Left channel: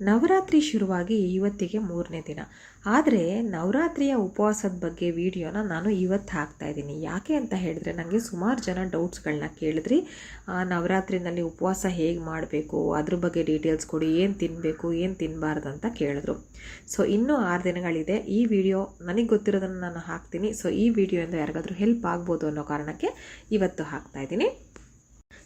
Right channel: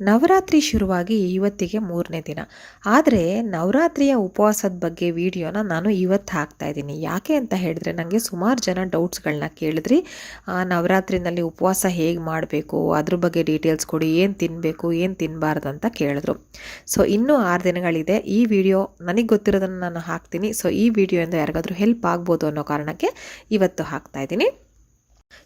ನವರಾತ್ರಿ ಶುರುವಾಗಿ ಇವತ್ತಿಗೆ ಮೂರನೇ ದಿನ. ಆದರೆ ನವರಾತ್ರಿಯ ಉಪವಾಸದ ಬಗ್ಗೆ ವಿಡಿಯೋನ ನಾನು ಇವತ್ತು ಹಾಕ್ತಾ ಇದ್ದೀನಿ. ಯಾಕೆ ಅಂತ ಹೇಳಿದ್ರೆ ನನಗೆ ಸುಮಾರು ಜನ ಡೌಟ್ಸ್ಗಳನ್ನ ಕೇಳಿದ್ರಿ. ನವರಾತ್ರಿನಲ್ಲಿ ಉಪವಾಸ ಹೇಗೆ ಮಾಡಬೇಕು? ಅದ್ರ ಬಗ್ಗೆ ಡೀಟೇಲ್ಸ್ ಕೊಡಿ. ಏನು ತಿನ್ನಬೇಕು ಏನು ತಿನ್ನಬಾರ್ದು ಅಂತ ಕೇಳಿದ್ರು. ಸೊ, ಇನ್ನೂ ಆರು ದಿನಗಳಿದೆ. ಈ ವಿಡಿಯೋ ನನಗೆ ಗೊತ್ತಿರೋದನ್ನು ನಾನು ಹಾಕ್ತೀನಿ. ಸೊ, ಈ ವಿಡಿಯೋಯಿಂದ ಯಾರಿಗಾದರೂ ಹೆಲ್ಪ್ ಆಗ್ಬೋದು ಅನ್ನೋ ಕಾರಣಕ್ಕೆ ಇವತ್ತು ಹಾಕ್ತಾ ಇದ್ದೀನಿ.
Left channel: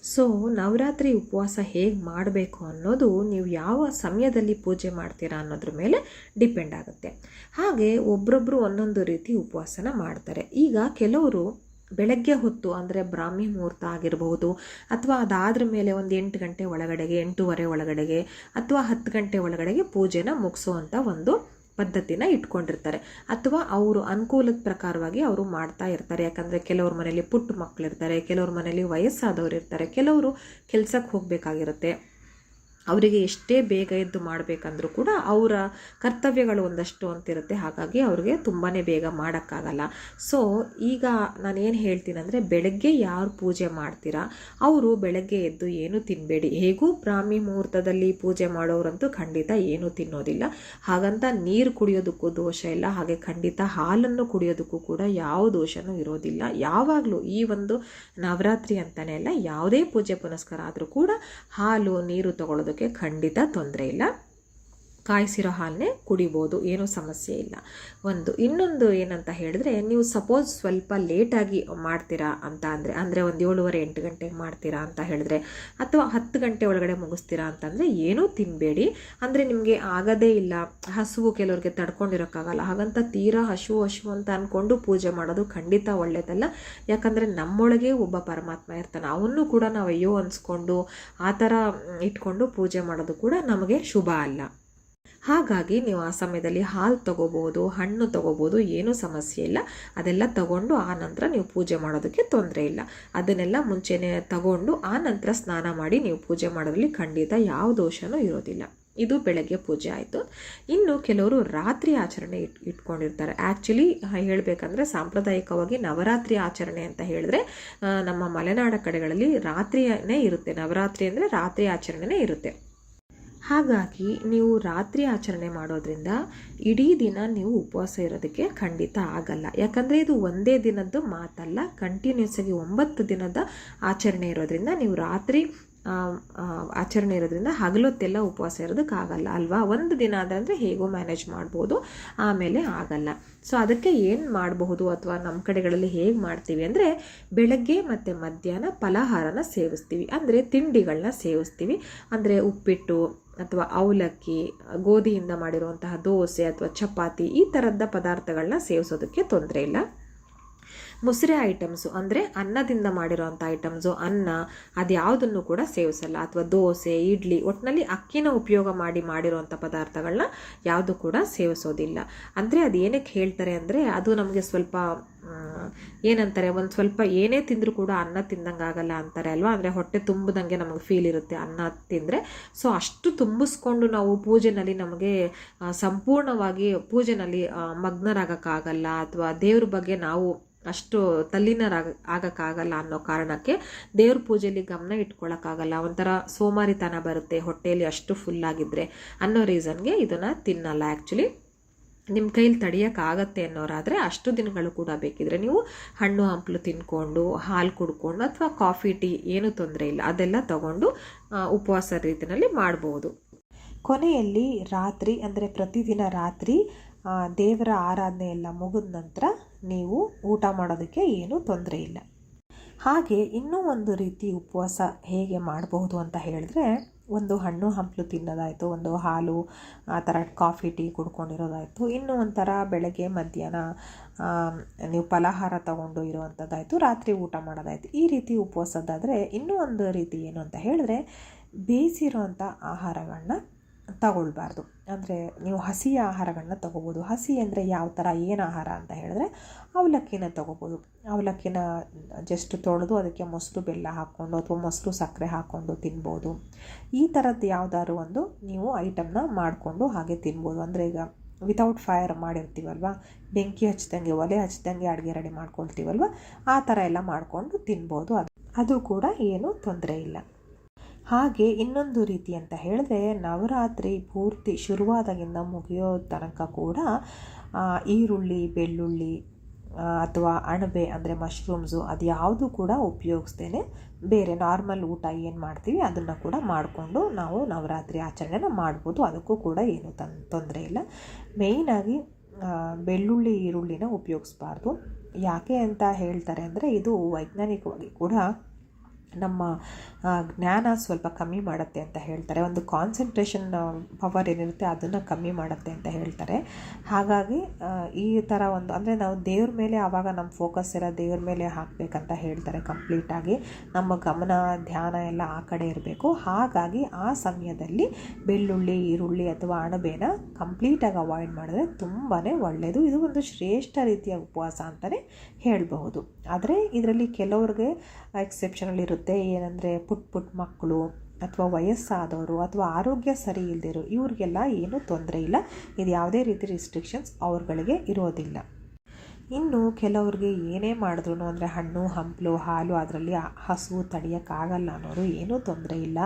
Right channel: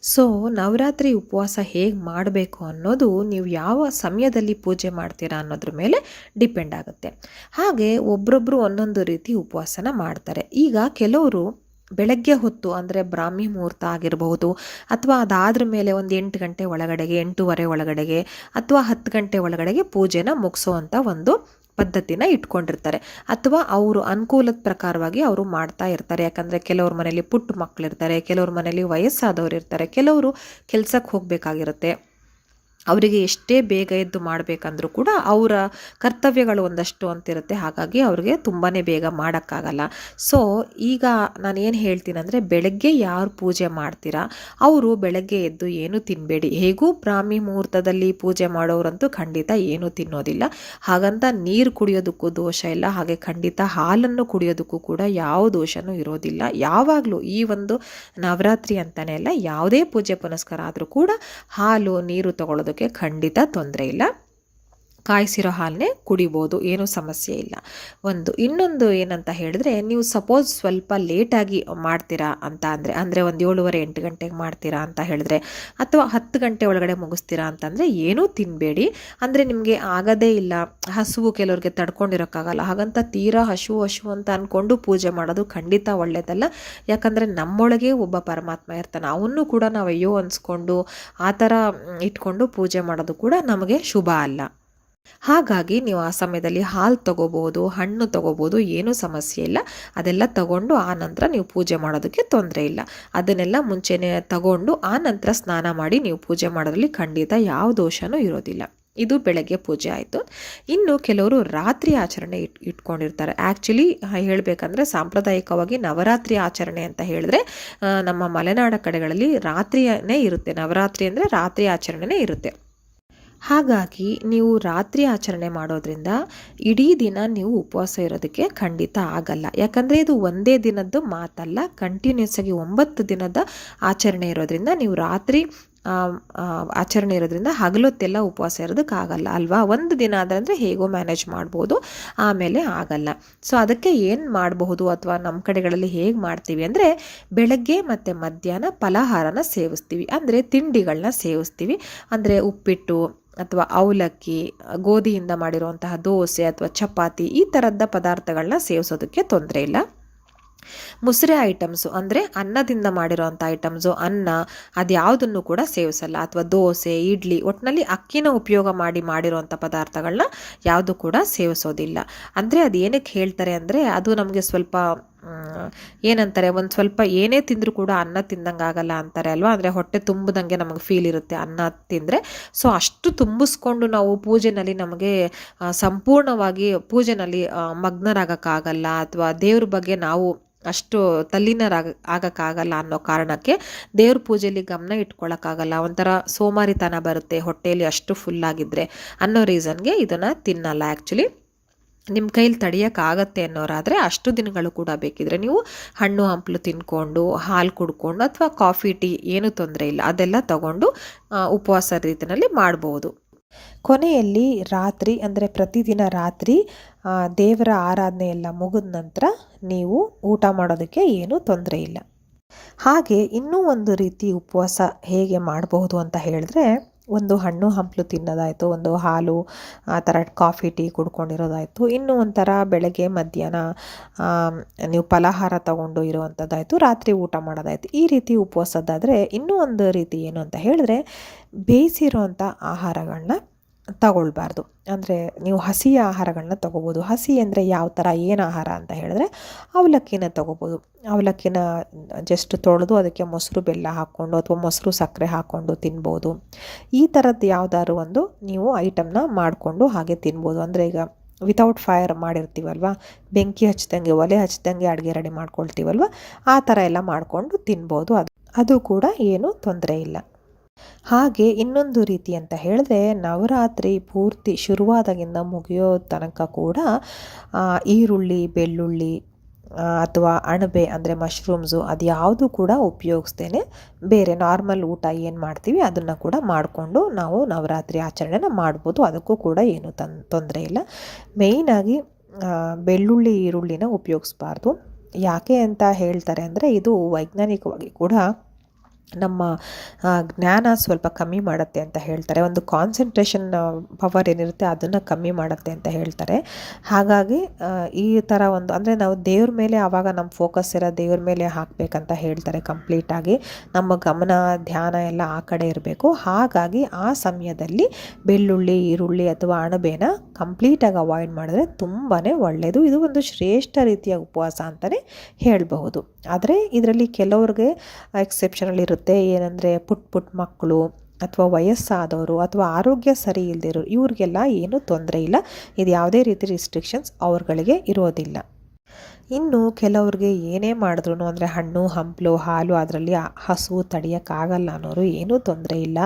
ಸೊ ನವರಾತ್ರಿ ಉಪವಾಸ ಹೇಗೆ ಮಾಡಬೇಕು ಅನ್ನೋದು ನೀವು ಯಾವ ಸಮಯದಲ್ಲಿ ಪೂಜೆ ಮಾಡ್ತೀರಾ ಅನ್ನೋದ್ರ ಮೇಲೆ ಡಿಪೆಂಡ್ ಆಗುತ್ತೆ. ಹಾಗೆ ಒಬ್ರೊಬ್ರು ಒಂದೊಂದು ರೀತಿ ಉಪವಾಸನ ಮಾಡ್ತಾರೆ. ಈಗ ಕೆಲವರು ಬೆಳಗ್ಗೆ ಹೊತ್ತು ಅಂದರೆ ಬ್ರಾಹ್ಮಿ ಮುಹೂರ್ತ ಆಗಿರಬಹುದು ಅಥವಾ ಅದಾದ್ರ ಮೇಲೆ ಒಂದು ಎಂಟು ಗಂಟೆ ಒಳಗಡೆಗೆ, ಎಂಟೂವರೆ ಒಳಗಡೆಗೆ ಅಥವಾ ಹತ್ತು ಗಂಟೆ ಒಳಗಡೆಗೆ ಪೂಜೆನ ಮುಗಿಸೋವಂಥ ಒಂದು ಪದ್ಧತಿನ ಇಟ್ಕೊಂಡಿರ್ತಾರೆ. ಅಥವಾ ಅವರು ಅನುಕೂಲದ ಪ್ರಕಾರವಾಗಿ ಅವರು ಮಾಡ್ತಾ ಇರ್ತಾರೆ. ಯಾಕಂದರೆ ಕೆಲವ್ರ ಮನೇಲಿ ಪುಟ್ಟ ಮಕ್ಕಳಿರ್ತಾರೆ ಕೆಲವ್ರ ಮನೇಲಿ ವಯಸ್ಸಾದವ್ರು ಇರ್ತಾರೆ ಕೆಲವರು ಕೆಲ್ಸಕ್ಕೆ ಹೋಗಬೇಕಾಗಿರುತ್ತೆ. ಅವರಿಗೆ ಎಷ್ಟೇ ಬೇಗ ಎದ್ದು ಮಾಡಬೇಕಂದ್ರೂ ಕೂಡ ಅವರ ಕರ್ತವ್ಯಗಳು ಒಂದಷ್ಟು ಅಂತಿರುತ್ತೆ. ಹಾಗಾಗಿ ಅವ್ರಿಗೆ ತುಂಬಾ ಬೇಗ ಮಾಡೋಕ್ಕಾಗಲ್ಲ. ಸೊ ಈಗ ನಾನು ಏನು ಹೇಳ್ತೀನಿ ಅಂದರೆ ಬೆಳಗ್ಗೆ ಯಾರು ಪೂಜೆ ಮಾಡ್ತೀರಾ? ಅವರು ಬೆಳಗ್ಗೆ ಎದ್ದು ಏನು ತಿನ್ನಬೇಡಿ ಹೇಗೂ ಬ್ರಾಹ್ಮಿ ಮುಹೂರ್ತದಲ್ಲಿ ಪೂಜೆ ಮಾಡೋರಂತೂ ಖಂಡಿತ ಏನೂ ತಿನ್ನೋದಿಲ್ಲ. ಹಾಗಂತ ನೀರು ಕುಡಿಯೋದಕ್ಕೂ ದೋಷ ಇಲ್ಲ. ಹಾಗೆ ಖಂಡಿತ ಹಾಲನ್ನು ಕುಡಿಯೋದಕ್ಕೂ ಕೂಡ ಯಾವ ದೋಷನೂ ಇರೋದಿಲ್ಲ. ಯಾವಾಗಲೂ ಈ ಒಂದು ನವರಾತ್ರಿ ಅಂತಲೇ ಅಲ್ಲ, ಯಾವುದೇ ಪೂಜೆ ಪುನಸ್ಕಾರ ಆದರೂ ಕೂಡ ಹಾಲು, ನೀರು ತಗೊಳ್ಳೋದಕ್ಕೆ ಖಂಡಿತ ತೊಂದರೆ ಇಲ್ಲ. ಕಾಯಿಸಿರೋ ಹಾಲನ್ನೇ ಕುಡಿಬೋದು, ಏನೂ ಸಮಸ್ಯೆ ಇಲ್ಲ. ಒಂದು, ಇನ್ನೊಂದು ಏನಂತ ಹೇಳಿದ್ರೆ, ನೀವು ಸಪೋಸ್ ಸ್ವಲ್ಪ ಲೇಟಾಗಿ ಮಾಡ್ತೀರಾ ಅಂತ ಅಂದರೆ ಅಂದರೆ ಒಂದು ಏಳುವರೆ, ಎಂಟು ಗಂಟೆಗೆ ಮಾಡ್ತೀರಾ ಅಂತ ಹೇಳಿದ್ರೆ, ಅಥವಾ ಹತ್ತು ಗಂಟೆ ಒಳಗಡೆ ಮುಗಿಸ್ತೀರಾ ಅಂತಂದರೆ ಏನೂ ತಿನ್ನಬೇಡಿ ಅಂದರೆ ನಿಮಗೆ ಆಗದೇ ಇಲ್ಲ, ಹಸುವು ಕೆಲವ್ರಿಗೆ ತಡ್ಕೊಂಡಿರೋಕ್ಕಾಗಲ್ಲ. ಹಾಗಂತ ತೀರಾ ಹಸು ಹಸು ಅಂತ ಅಂದ್ಕೊಂಡು ಪೂಜೆ ಮಾಡೋದು ಖಂಡಿತ ಒಳ್ಳೆಯದಲ್ಲ ಯಾಕಂದರೆ ನಮ್ಮೊಳಗೆ ಒಬ್ಬ ಪರಮಾತ್ಮ ಇರ್ತಾನೆ. ಅವನ್ನೂ ಕೂಡ ನಾವು ಅಯ್ಯೋ ಅನ್ಸ್ಕೊಂಡು, ಆ ಥರ ಇಟ್ಕೊಂಡು ಪೂಜೆ ಮಾಡೋದು ಕೂಡ ನಮಗೆ ಶುಭ ಅಲ್ಲ. ಹಾಗಾಗಿ ನೀವು ಆ ಸಮಯದಲ್ಲಿ ಹಾಲು ತಗೋಬೋದು, ಹಣ್ಣು ತಗೋಬೋದು, ಏನೂ ಸಮಸ್ಯೆ ಇಲ್ಲ. ಅದೆಲ್ಲ ತಗೊಂಡು ಆ ನಂತರ ನೀವು ಪೂಜೆ ಮಾಡೋದಕ್ಕೆ ತೊಂದರೆ ಇಲ್ಲ. ಅದನ್ನೆಲ್ಲ ಮುಂಚೆನೇ ತಗೊಂಡು ಆ ನಂತರ ಸ್ನಾನ ಮಾಡಿ ನೀವು ಪೂಜೆ ಮಾಡೋದ್ರಲ್ಲಿ ಖಂಡಿತ ಯಾವ ದೋಷನೂ ಇರೋದಿಲ್ಲ. ಇದು ಬೆಳಗ್ಗೆ ಪೂಜೆ ಆಯಿತು. ಇನ್ನು ಕೆಲವರು ರಾತ್ರಿ ಆಚರಣೆ ಇಟ್, ಇಟ್ಕೊಂಡಿರ್ತಾರೆ. ಆ್ಯಕ್ಚುಲಿ ಹೇಳಬೇಕಂದ್ರೆ ಸಾಂಪ್ರದಾಯಿಕವಾಗಿ ನವರಾತ್ರಿ ಆಚರಣೆ ಅಂತ ಹೇಳಿದ್ರೆ ನಮ್ಮ ಮಲೆನಾಡ ಕಡೆಗಳಲ್ಲಿ ರಾತ್ರಿಯೇ ಇರುತ್ತೆ. ನವರಾತ್ರಿ ಅಂದರೆ ರಾತ್ರಿ ಆಚರಣೆನೇ ಇರುತ್ತೆ. ಹಾಗಾಗಿ ನೀವು ರಾತ್ರಿ ಆಚರಣೆ ಮಾಡೋದ್ರಿಂದ ಇಡೀ ದಿನ ನೀವು ಉಪವಾಸ ಇರೋದಕ್ಕೆ ಖಂಡಿತ ಆಗಲ್ಲ. ಯಾಕಂದರೆ ಇದು ಒಂದೇ ದಿನದ್ದು ಮಾತಲ್ಲ ಕಂಟಿನ್ಯೂಸ್ ಆಗಿ ಒಂಬತ್ತು ದಿನದ ಆಚರಣೆ ಇರೋದ್ರಿಂದ ನೀವು ರಾತ್ರಿ ಆಚರಣೆ ಇರೋದ್ರಿಂದ ಹಗಲೊತ್ತೆಲ್ಲ ಉಪವಾಸ ಇರೋದಕ್ಕಾಗಲ್ಲ ಅಲ್ವಾ? ಒಂದು ದಿನ ಆದರೆ ಹೇಗೋ ಮ್ಯಾನೇಜ್ ಮಾಡ್ಬೋದು, ಆಮೇಲೆ ಆಗಲ್ಲ. ಸೊ ಅದಕ್ಕೆ ಏನು ಮಾಡಬಹುದು ಅಥವಾ ನಮ್ಮ ಕಡೆಗಳಲ್ಲಿ ಹೇಗೆ ಮಾಡ್ತೀವಿ ಅಂದರೆ ಬೆಳಗ್ಗೆ ಮತ್ತು ಮಧ್ಯಾಹ್ನ ಫಲಹಾರನ ಸೇವಿಸ್ತೀವಿ. ಅಂದರೆ ತಿಂಡಿಗಳನ್ನ ಸೇವಿಸ್ತೀವಿ. ಅಂದರೆ ಉಪ್ಪಿಟ್ಟು ಅಥವಾ ಅವಲಕ್ಕಿ ಗೋಧಿಯಿಂದ ಮಾಡಿರುವಂತಹ ದೋಸೆ ಅಥವಾ ಚಪಾತಿ ಈ ಥರದ ಪದಾರ್ಥಗಳನ್ನ ಸೇವಿಸೋದಕ್ಕೆ ತೊಂದರೆ ಇಲ್ಲ. ಮುಸ್ರೆ ಐಟಮ್ಸು ಅಂದರೆ ಅನ್ನದಿಂದ ಮಾಡಿರೋವಂಥ ಐಟಮ್ಸು, ಅನ್ನ, ಅದ್ಯಾವುದನ್ನು ಕೂಡ ಸೇವಿಸಲ್ಲ. ಅಥವಾ ದೋಸೆ, ಇಡ್ಲಿ ಒಟ್ಟಿನಲ್ಲಿ ಅಕ್ಕಿನ ಉಪಯೋಗ ಮಾಡಿ ಮಾಡಿರೋವಂಥ ಪದಾರ್ಥಗಳನ್ನ ಯಾವುದು ಕೂಡ ಸೇವಿಸೋದಿಲ್ಲ. ಅಂದರೆ ಅದು ಏನಕ್ಕೆ ಹೇಳ್ತಾರೆ ಅಂದರೆ ಅದು ನಮಗೆ ಸ್ವಲ್ಪ ಏನಂತಾರೆ, ಒಂದು ಸ್ವಲ್ಪ ಏನೇ ತಿಂದರೂ ಕೂಡ ಅನ್ನ ತಿಂದಂಗೆ ಆಗಲ್ಲ ಅಂತಾರೆ ಅಲ್ವಾ? ಅಂದರೆ ಹೊಟ್ಟೆ ತುಂಬದಂಗೆ ನಮಗೆ ಫೀಲ್ ಇರುತ್ತೆ ಅನ್ನ ತಿಂದರೆ. ಸೊ ಅಷ್ಟು ತುಂಬಿಸ್ಕೊಂಡು ನಾವು ಪೂಜೆನಲ್ಲಿ ನಮಗೆ ಸಂಪೂರ್ಣವಾಗಿ ಪೂಜೆನಲ್ಲಿ ಮಗ್ನರಾಗಕ್ಕಾಗಲ್ಲ. ಅಥವಾ ದೇವ್ರ ಬಗ್ಗೆ ನಾವು ಅಷ್ಟು ತಲ್ಲಿನರಾಗ ಆಗಕ್ಕಾಗಲ್ಲ ಅನ್ನೋ ಕಾರಣಕ್ಕೆ ದೇವ್ರ ಪೂಜೆಯಲ್ಲಿ ಗಮನ ಇಟ್ಕೊಳ್ಳೋಕ್ಕಾಗಲ್ಲ ಒಂಥರ ಸೋಮಾರಿತನ ಬರುತ್ತೆ ಹೊಟ್ಟೆಯಲ್ಲಿ ಅಷ್ಟು ಫುಲ್ಲಾಗಿದ್ದರೆ ಅನ್ನೋ ರೀಸನ್ಗೆ ಇದನ್ನು ತಿನ್ನಲ್ಲ. ಆ್ಯಕ್ಚುಲಿ ನಿಮ್ಮ ಕೈಲಿ ತಡೆಯೋಕ್ಕಾಗತ್ತೆ ಅನ್ನೋರಾದರೆ ಅಷ್ಟು ದಿನಗಳು ಕೂಡ ಬೇಕಿದ್ರೆ ನೀವು ಹಣ್ಣು, ಹಂಪಲು ತಿನ್ಕೊಂಡು, ಹಾಲು ಕುಡ್ಕೊಂಡು ಅಥವಾ ಕಾಫಿ, ಟೀ ಏನೂ ತೊಂದರೆ ಇಲ್ಲ. ಅದೆಲ್ಲ ತಗೊಂಡು ಉಪವಾಸ ರೀತಿಯಲ್ಲಿ ಮಾಡ್ಬೋದು. ಕೊನೆಯಲ್ಲಿ ರಾತ್ರಿ ಅಂದರೆ ಪ್ರತಿದಿನ ರಾತ್ರಿ ದೇವರ ಆರಾಧನೆ ಎಲ್ಲ ಮುಗಿದ ನಂತರ ನೀವು ಊಟ ಮಾಡೋದಕ್ಕೆ ಏನೂ ತೊಂದರೆ ಇಲ್ಲ. ಹಾಗೆ ಇನ್ನೂ ಒಂದು ರೀತಿ ಉಪವಾಸ ಹೇಗೆ ಮಾಡಬಹುದು ಅಂತ ಹೇಳಿದ್ರೆ, ಒಂದು ಹಣ್ಣು ಹಂಪಲು ತಿನ್ನೋದಾಯಿತು, ಒಂದು ಹಾಲು, ಆ ಥರ ಕಾಫಿ, ಟೀ ಕುಡ್ಕೊಂಡಿರೋದಾಯಿತು, ಇನ್ನೂ ಒಂಥರ ಬೆಳಗ್ಗೆ, ಮಧ್ಯಾಹ್ನ ನೀವು ಫಲಾಹಾರ ತಗೊಂಡು ಇರುವಂಥದ್ದಾಯಿತು, ರಾತ್ರಿ ಊಟ ಮಾಡೋದಾಯಿತು. ಈ ರೀತಿ ಉಪವಾಸದ್ದಾದರೆ ಇನ್ನೂ ಒಂದು ರೀತಿ ಏನು ಅಂತ ಹೇಳಿದ್ರೆ, ಬೇಯಿಸಿರೋವಂಥ ಆಹಾರಗಳನ್ನ ತಗೊಳ್ಬಾರ್ದು. ಅಂದರೆ ನೀವು ಹಸಿಯ ಆಹಾರಗಳನ್ನ ತಗೋಬೋದು. ಹಸಿ ಅಂದರೆ ಯಾವ ಥರ ಏನು ಆಹಾರ ಅಂತ ಹೇಳಿದ್ರೆ ಅವಲಕ್ಕಿನ ತಗೋಬೋದು. ಅವಲಕ್ಕಿನ ಜಸ್ಟ್ ತೊಳೆದು ಅದಕ್ಕೆ ಮೊಸರು ಬೆಲ್ಲ ಹಾಕ್ಕೊಂಡು ಅಥವಾ ಮೊಸರು ಸಕ್ಕರೆ ಹಾಕ್ಕೊಂಡು ತಿನ್ಬೋದು. ಈ ಥರದ್ದು ಯಾವುದಾದ್ರು ಒಂದು ನೀವು ಐಟಮ್ನ ಮಾಡಿಕೊಂಡು ಹಾಗೆ ತಿನ್ಬೋದು. ಅಂದರೆ ಈಗ ವಿತೌಟ್ ಫೈರ್ ಮಾಡಿರ್ತೀವಲ್ವ? ಬೆಂಕಿ ಹಚ್ಚಿದಂಗೆ ಒಲೆ ಹಚ್ಚಿದಂಗೆ ಅಡುಗೆ ರೆಡಿ ಮಾಡ್ಕೊಳ್ತೀವಲ್ವ? ಆ ಥರ ಎಲ್ಲ ಮಾಡಿಕೊಂಡು ತಿನ್ಬೋದು. ಅದು ಅದು ಕೂಡ ಏನೂ ತೊಂದರೆ ಇಲ್ಲ. ಹಾಗೆ ಇನ್ನೊಂದು ರೀತಿ ಅಂತ ಹೇಳಿದ್ರೆ ನವರಾತ್ರಿ ಪೂರ್ತಿ ಶುರುವಾದಾಗಿಂದ ಮುಗಿಯೋ ತನಕ ಕೂಡ ಈರುಳ್ಳಿ, ಬೆಳ್ಳುಳ್ಳಿ ಅಥವಾ ಅಣಬೆ ಅಂದರೆ ಮಶ್ರೂಮ್ಸು ಅದು ಯಾವುದು ಕೂಡ ಉಪಯೋಗಿಸ್ತೇನೆ ಬೇರೆ ನಾರ್ಮಲ್ ಊಟ ಏನು ಮಾಡ್ತೀವಿ ಅದನ್ನು ಕೂಡ ಮಾಡಿಕೊಂಡು ನಾವು ನವರಾತ್ರಿ ಆಚರಣೆನ ಮಾಡ್ಬೋದು. ಅದಕ್ಕೂ ಕೂಡ ಏನು ತನ್, ತೊಂದರೆ ಇಲ್ಲ. ಮೇಯ್ನಾಗಿ ಬೆಳ್ಳುಳ್ಳಿ, ಈರುಳ್ಳಿನ ಉಪಯೋಗಿಸ್ಬಾರ್ದು. ಯಾಕೆ ಅಂತ ಹೇಳ್ತಾರೆ ಅಂದರೆ ಇದು ವೈಜ್ಞಾನಿಕವಾಗಿ ಕೂಡ ನಮ್ಮ ಜ್ಞಾನ ಸ್ವಲ್ಪ ಕಮ್ಮಿ ಮಾಡುತ್ತೆ ಅಂತ ಹೇಳ್ತಾರೆ. ಒಂದು ಕಾನ್ಸಂಟ್ರೇಷನ್ ಪವರ್ ಏನಿರುತ್ತೆ ಅದನ್ನು ಕಮ್ಮಿ ಮಾಡುತ್ತೆ ಅಂತ ಹೇಳ್ತಾರೆ. ಹಾಗಾಗಿ ಈ ಥರ ಒಂದು, ಅಂದರೆ ನಾವು ದೇವ್ರ ಮೇಲೆ ಆವಾಗ ನಮ್ಮ ಫೋಕಸ್ ಇರೋ ದೇವ್ರ ಮೇಲೆ ಹಾಕಬೇಕಂತ ಹೇಳ್ತಾರೆ ಕಂಪ್ಲೀಟಾಗಿ ನಮ್ಮ ಗಮನ, ಧ್ಯಾನ ಎಲ್ಲ ಆ ಕಡೆ ಇರಬೇಕು. ಹಾಗಾಗಿ ಆ ಸಮಯದಲ್ಲಿ ಬೆಳ್ಳುಳ್ಳಿ, ಈರುಳ್ಳಿ ಅಥವಾ ಅಣಬೇನ ಕಂಪ್ಲೀಟಾಗಿ ಅವಾಯ್ಡ್ ಮಾಡಿದ್ರೆ ತುಂಬಾ ಒಳ್ಳೆಯದು ಇದು ಒಂದು ಶ್ರೇಷ್ಠ ರೀತಿಯ ಉಪವಾಸ ಅಂತಲೇ ಹೇಳಬಹುದು. ಆದರೆ, ಇದರಲ್ಲಿ ಕೆಲವ್ರಿಗೆ ಎಕ್ಸೆಪ್ಷನಲ್ ಇರುತ್ತೆ. ಏನಂದರೆ ಪುಟ್ ಪುಟ್ ಮಕ್ಕಳು ಅಥವಾ ವಯಸ್ಸಾದವರು ಅಥವಾ ಆರೋಗ್ಯ ಸರಿ ಇಲ್ಲದಿರೋರು ಇವ್ರಿಗೆಲ್ಲ ಏನೂ ತೊಂದರೆ ಇಲ್ಲ. ಇದು ಯಾವುದೇ ರೀತಿ ರಿಸ್ಟ್ರಿಕ್ಷನ್ಸ್ ಅವ್ರಗಳಿಗೆ ಇರೋದಿಲ್ಲ. ಇನ್ನು ಕೆಲವ್ರಿಗೆ ಏನೇ ಮಾಡಿದ್ರು ಅಂದರೆ ಹಣ್ಣು, ಹಂಪಲು, ಹಾಲು ಅದರಲ್ಲಿ ಹಸು ತಡೆಯೋಕ್ಕಾಗಲ್ಲ ಅನ್ನೋರು ಏನೂ ತೊಂದರೆ ಇಲ್ಲ.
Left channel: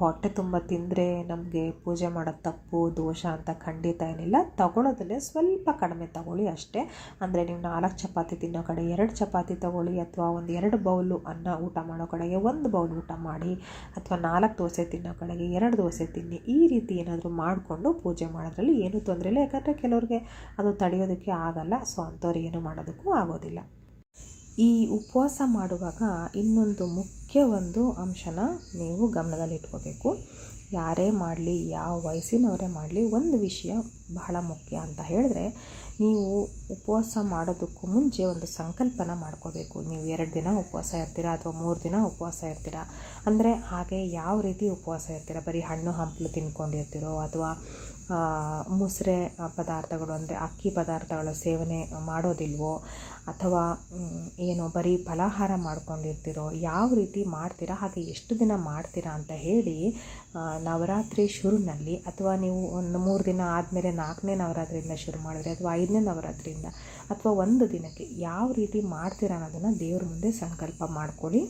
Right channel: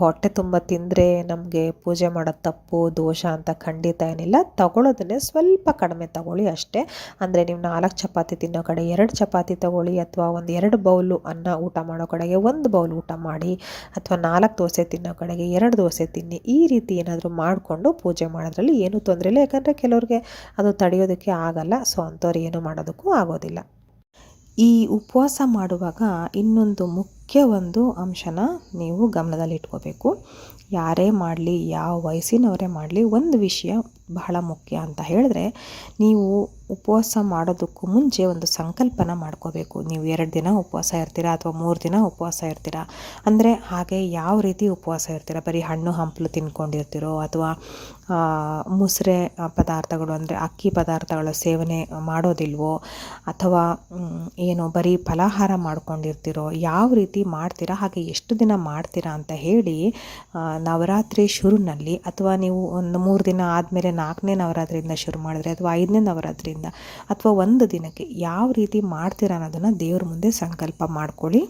ಹೊಟ್ಟೆ ತುಂಬ ತಿಂದರೆ ನಮಗೆ ಪೂಜೆ ಮಾಡೋದು ತಪ್ಪು, ದೋಷ ಅಂತ ಖಂಡಿತ ಏನಿಲ್ಲ. ತಗೊಳ್ಳೋದನ್ನೇ ಸ್ವಲ್ಪ ಕಡಿಮೆ ತಗೊಳ್ಳಿ ಅಷ್ಟೇ. ಅಂದರೆ ನೀವು ನಾಲ್ಕು ಚಪಾತಿ ತಿನ್ನೋ ಕಡೆ ಎರಡು ಚಪಾತಿ ತಗೊಳ್ಳಿ ಅಥವಾ ಒಂದು ಎರಡು ಬೌಲು ಅನ್ನ ಊಟ ಮಾಡೋ ಕಡೆಗೆ ಒಂದು ಬೌಲ್ ಊಟ ಮಾಡಿ ಅಥವಾ ನಾಲ್ಕು ದೋಸೆ ತಿನ್ನೋ ಕಡೆಗೆ ಎರಡು ದೋಸೆ ತಿನ್ನಿ. ಈ ರೀತಿ ಏನಾದರೂ ಮಾಡಿಕೊಂಡು ಪೂಜೆ ಮಾಡೋದ್ರಲ್ಲಿ ಏನೂ ತೊಂದರೆ ಇಲ್ಲ. ಯಾಕಂದರೆ ಕೆಲವ್ರಿಗೆ ಅದು ತಡೆಯೋದಕ್ಕೆ ಆಗಲ್ಲ. ಸೊ ಅಂಥವ್ರು ಏನು ಮಾಡೋದಕ್ಕೂ ಆಗೋದಿಲ್ಲ. ಈ ಉಪವಾಸ ಮಾಡುವಾಗ ಇನ್ನೊಂದು ಮುಖ್ಯ ಒಂದು ಅಂಶನ ನೀವು ಗಮನದಲ್ಲಿಟ್ಕೋಬೇಕು ಯಾರೇ ಮಾಡಲಿ, ಯಾವ ವಯಸ್ಸಿನವರೇ ಮಾಡಲಿ, ಒಂದು ವಿಷಯ ಬಹಳ ಮುಖ್ಯ ಅಂತ ಹೇಳಿದ್ರೆ, ನೀವು ಉಪವಾಸ ಮಾಡೋದಕ್ಕೂ ಮುಂಚೆ ಒಂದು ಸಂಕಲ್ಪನ ಮಾಡ್ಕೋಬೇಕು. ನೀವು ಎರಡು ದಿನ ಉಪವಾಸ ಇರ್ತೀರಾ ಅಥವಾ ಮೂರು ದಿನ ಉಪವಾಸ ಇರ್ತೀರಾ? ಅಂದರೆ ಹಾಗೆ ಯಾವ ರೀತಿ ಉಪವಾಸ ಇರ್ತೀರಾ? ಬರೀ ಹಣ್ಣು, ಹಂಪಲು ತಿನ್ಕೊಂಡಿರ್ತೀರೋ ಅಥವಾ ಮುಸ್ರೆ ಪದಾರ್ಥಗಳು ಅಂದರೆ ಅಕ್ಕಿ ಪದಾರ್ಥಗಳ ಸೇವನೆ ಮಾಡೋದಿಲ್ವೋ? ಅಥವಾ ಏನು ಬರೀ ಫಲಾಹಾರ ಮಾಡ್ಕೊಂಡಿರ್ತೀರೋ, ಯಾವ ರೀತಿ ಮಾಡ್ತೀರಾ? ಹಾಗೆ ಎಷ್ಟು ದಿನ ಮಾಡ್ತೀರಾ ಅಂತ ಹೇಳಿ ನವರಾತ್ರಿ ಶುರುನಲ್ಲಿ ಅಥವಾ ನೀವು ಒಂದು ಮೂರು ದಿನ ಆದಮೇಲೆ ನಾಲ್ಕನೇ ನವರಾತ್ರಿಯಿಂದ ಶುರು ಮಾಡಿದ್ರೆ ಅಥವಾ ಐದನೇ ನವರಾತ್ರಿಯಿಂದ ಅಥವಾ ಒಂದು ದಿನಕ್ಕೆ ಯಾವ ರೀತಿ ಮಾಡ್ತೀರಾ ಅನ್ನೋದನ್ನು ದೇವ್ರ ಮುಂದೆ ಸಂಕಲ್ಪ ಮಾಡ್ಕೊಳ್ಳಿ.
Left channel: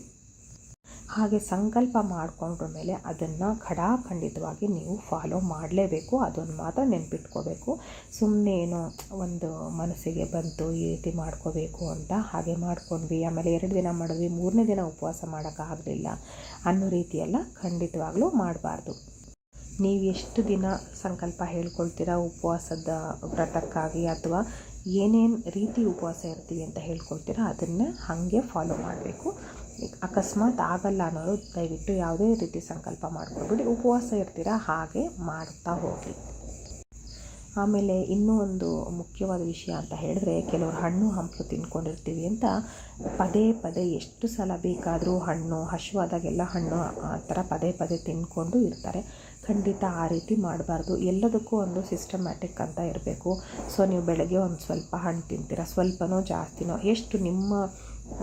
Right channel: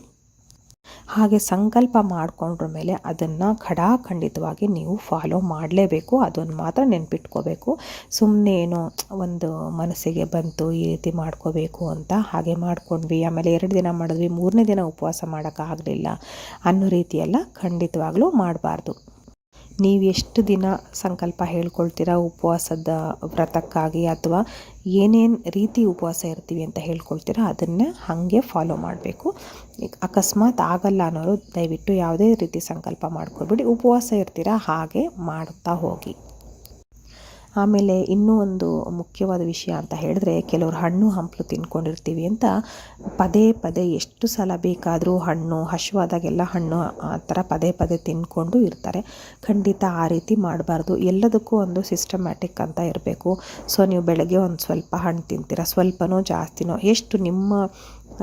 ಹಾಗೆ ಸಂಕಲ್ಪ ಮಾಡಿಕೊಂಡ್ರ ಮೇಲೆ ಅದನ್ನು ಖಡಾಖಂಡಿತವಾಗಿ ನೀವು ಫಾಲೋ ಮಾಡಲೇಬೇಕು. ಅದನ್ನು ಮಾತ್ರ ನೆನ್ಪಿಟ್ಕೋಬೇಕು. ಸುಮ್ಮನೆ ಏನೋ ಒಂದು ಮನಸ್ಸಿಗೆ ಬಂತು, ಈ ರೀತಿ ಮಾಡ್ಕೋಬೇಕು ಅಂತ ಹಾಗೆ ಮಾಡ್ಕೊಂಡ್ವಿ. ಆಮೇಲೆ ಎರಡು ದಿನ ಮಾಡಿದ್ವಿ, ಮೂರನೇ ದಿನ ಉಪವಾಸ ಮಾಡೋಕ್ಕಾಗಲಿಲ್ಲ ಅನ್ನೋ ರೀತಿಯೆಲ್ಲ ಖಂಡಿತವಾಗ್ಲೂ ಮಾಡಬಾರ್ದು. ನೀವು ಎಷ್ಟು ದಿನ ಸಂಕಲ್ಪ ಹೇಳ್ಕೊಳ್ತೀರಾ ಉಪವಾಸದ ವ್ರತಕ್ಕಾಗಿ ಅಥವಾ ಏನೇನು ರೀತಿ ಉಪವಾಸ ಇರ್ತೀವಿ ಅಂತ ಹೇಳ್ಕೊಳ್ತೀರಾ ಅದನ್ನು ಹಾಗೆ ಫಾಲೋ ಮಾಡಬೇಕು. ಅಕಸ್ಮಾತ್ ಆಗಲ್ಲ ಅನ್ನೋರು ದಯವಿಟ್ಟು ಯಾವುದೇ ರೀತಿ ಸಂಕಲ್ಪ ಮಾಡ್ಕೊಬಿಡಿ ಉಪವಾಸ ಇರ್ತೀರಾ? ಹಾಗೆ ಮಾಡ್ತಾ ಹೋಗಿ. ಆಮೇಲೆ ಇನ್ನೂ ಒಂದು ಮುಖ್ಯವಾದ ವಿಷಯ ಅಂತ ಹೇಳಿದ್ರೆ, ಕೆಲವರು ಹಣ್ಣು ಹಂಪಲು ತಿನ್ಕೊಂಡಿರ್ತೀವಿ ಅಂತ ಪದೇ ಪದೇ ಎಷ್ಟು ಸಲ ಬೇಕಾದರೂ ಹಣ್ಣು ಹಶುವಾದಾಗೆಲ್ಲ ಹಣ್ಣು ಆ ಥರ ಪದೇ ಪದೇ ತಿನ್ಕೊಂಡು ಇರ್ತಾರೆ. ಖಂಡಿತ ಆ ರೀತಿ ಮಾಡಬಾರ್ದು. ಎಲ್ಲದಕ್ಕೂ ಒಂದು ಸಿಸ್ಟಮ್ಯಾಟಿಕ್ ಅಂತ ಇರಬೇಕು. ಸೊ, ನೀವು ಬೆಳಗ್ಗೆ ಒಂದು ಸ್ವಲ್ಪ ಹಣ್ಣು ತಿಂತೀರ? ಸ್ವಲ್ಪನೋ ಜಾಸ್ತಿನೋ? ಎಷ್ಟು ನಿಮ್ಮ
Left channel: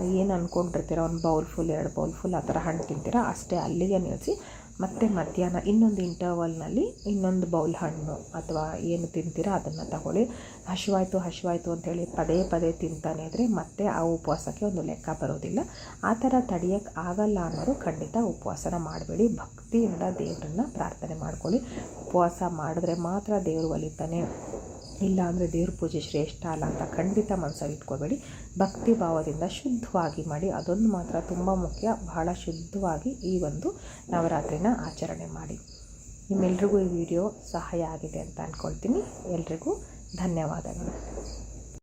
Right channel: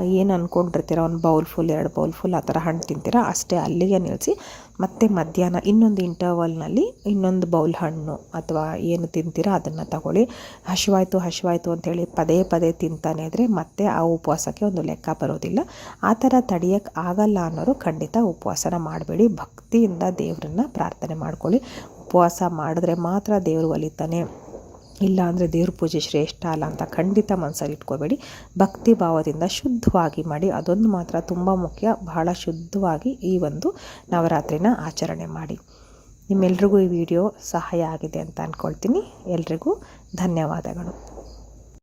ಏನು ಅಂದ್ಕೊಂಡಿರ್ತೀರ ಒಂದು ಬೌಲ್ ಫುಲ್ ಎರಡು ಬೌಲ್ ಫುಲ್ ಆ ಥರ ಹಣ್ಣು ತಿಂತೀರ? ಅಷ್ಟೇ ಅಲ್ಲಿಗೆ ನಿಲ್ಲಿಸಿ ಮತ್ತೆ ಮಧ್ಯಾಹ್ನ ಇನ್ನೊಂದು ಇಂಟರ್ವಲ್ನಲ್ಲಿ ಇನ್ನೊಂದು ಬೌಲ್ ಹಣ್ಣು ಅಥವಾ ಏನು ತಿಂತೀರ ಅದನ್ನು ತಗೊಳ್ಳಿ. ಹಸಿವಾಯ್ತು ಹಸಿವಾಯ್ತು ಅಂತೇಳಿ ಪದೇ ಪದೇ ತಿಂತಾನೆ ಇದ್ದರೆ ಮತ್ತೆ ಆ ಉಪವಾಸಕ್ಕೆ ಒಂದು ಲೆಕ್ಕ ಬರೋದಿಲ್ಲ. ಆ ಥರ ತಡೆಯೋಕ್ಕೆ ಆಗಲ್ಲ ಅನ್ನೋರು ಖಂಡಿತ ಉಪವಾಸನ ಮಾಡಬೇಡಿ. ಭಕ್ತಿಯಿಂದ ದೇವರನ್ನ ಪ್ರಾರ್ಥನೆ ಮಾಡ್ಕೊಳ್ಳಿ. ಉಪವಾಸ ಮಾಡಿದ್ರೆ ಮಾತ್ರ ದೇವರು ಒಲಿತಾನೆ. ಇಲ್ಲ ಅಂದರೆ ದೇವ್ರ ಪೂಜೆ ಶ್ರೇಷ್ಠ ಅಲ್ಲ ಅಂತ ಖಂಡಿತ ಮನಸ್ಸಲ್ಲಿ ಇಟ್ಕೋಬೇಡಿ ಭಕ್ತಿ ಭಾವದಿಂದ ಶುದ್ಧವಾಗಿ ಮಾಡಿ, ಅದೊಂದು ಮಾತ್ರ ತುಂಬ ಮುಖ್ಯ. ಬಹಳ ಶುದ್ಧವಾಗಿ ಈ ಒಂದು ನವರಾತ್ರಿನ ಆಚರಣೆ ಮಾಡಿ. ನಿಮ್ಮೆಲ್ರಿಗೂ ಈ ವಿಡಿಯೋ ಸಹಾಯ ಆಗಿದೆ ಅಂತ ಅಂದ್ಕೊಳ್ತೀನಿ ಎಲ್ರಿಗೂ ಧನ್ಯವಾದಗಳು.